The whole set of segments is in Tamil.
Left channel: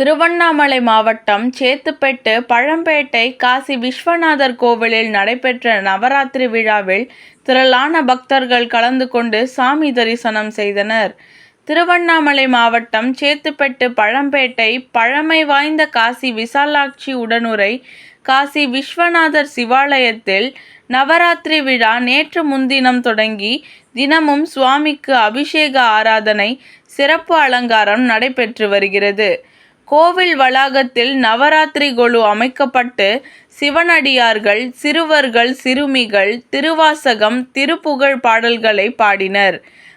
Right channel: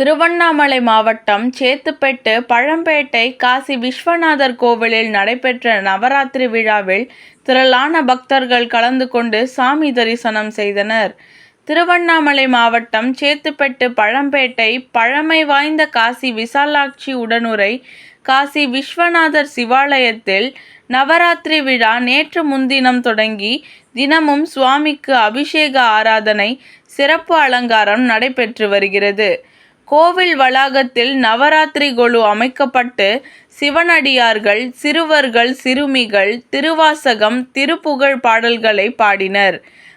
திருவண்ணாமலை மாவட்டம் சேத்துப்பட்டு பழம்பேட்டை காசி விஸ்வநாதர் கோவிலில் நடைபெற்ற நவராத்திரி விழாவில் திரளான பக்தர்கள் கலந்து கொண்டு சாமி தரிசனம் செய்தனர். திருவண்ணாமலை மாவட்டம் சேத்துப்பட்டு பழம்பேட்டை பழமை வாய்ந்த காசி விசாலாட்சி உடனுரை காசி விஸ்வநாதர் சிவாலயத்தில் நவராத்திரி விழா நேற்று முன்தினம் தொடங்கி தினமும் சுவாமிக்கு அபிஷேக ஆராதனை சிறப்பு அலங்காரம் நடைபெற்று வருகிறது. கோவில் வளாகத்தில் நவராத்திரி குழு அமைக்கப்பட்டு சிவனடியார்கள் சிறுவர்கள் சிறுமிகள் திருவாசகம் திருப்புகழ் பாடல்களை பாடினர்.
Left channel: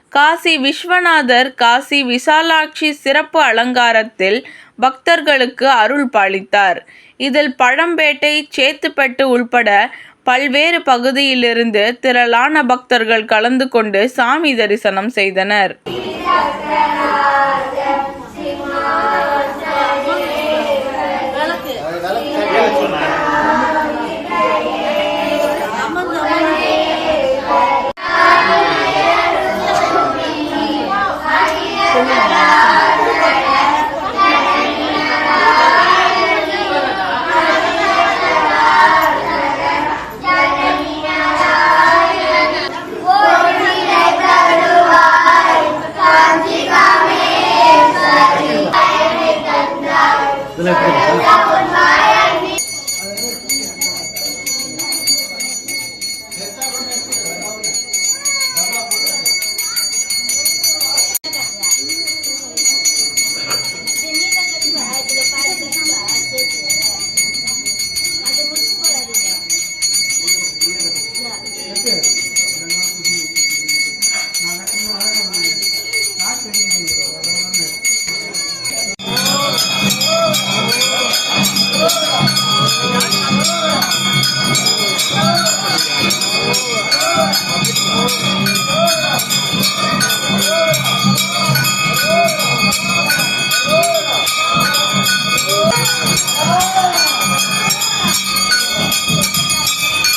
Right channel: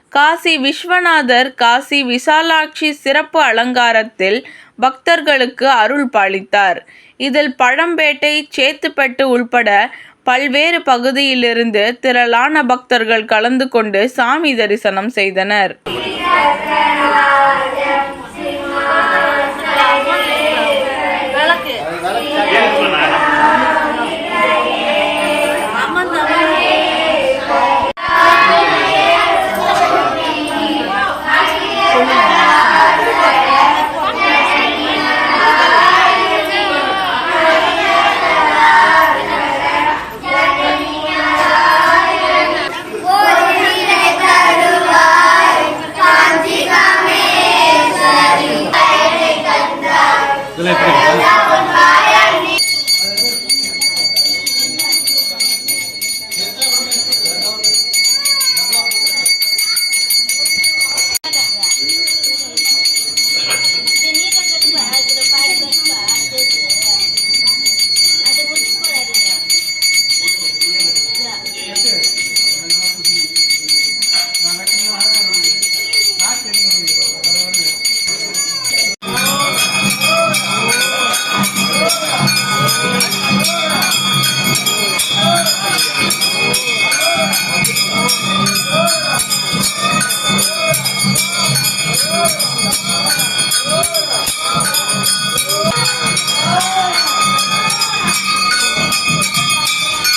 காசி விஸ்வநாதர் காசி விசாலாட்சி சிறப்பு அலங்காரத்தில் பக்தர்களுக்கு அருள் பாலித்தார். இதில் பழம்பேட்டை சேத்துப்பட்டு உள்பட பல்வேறு பகுதியிலிருந்து திரளான பக்தர்கள் கலந்து கொண்டு சாமி தரிசனம் செய்தனர். Let's go.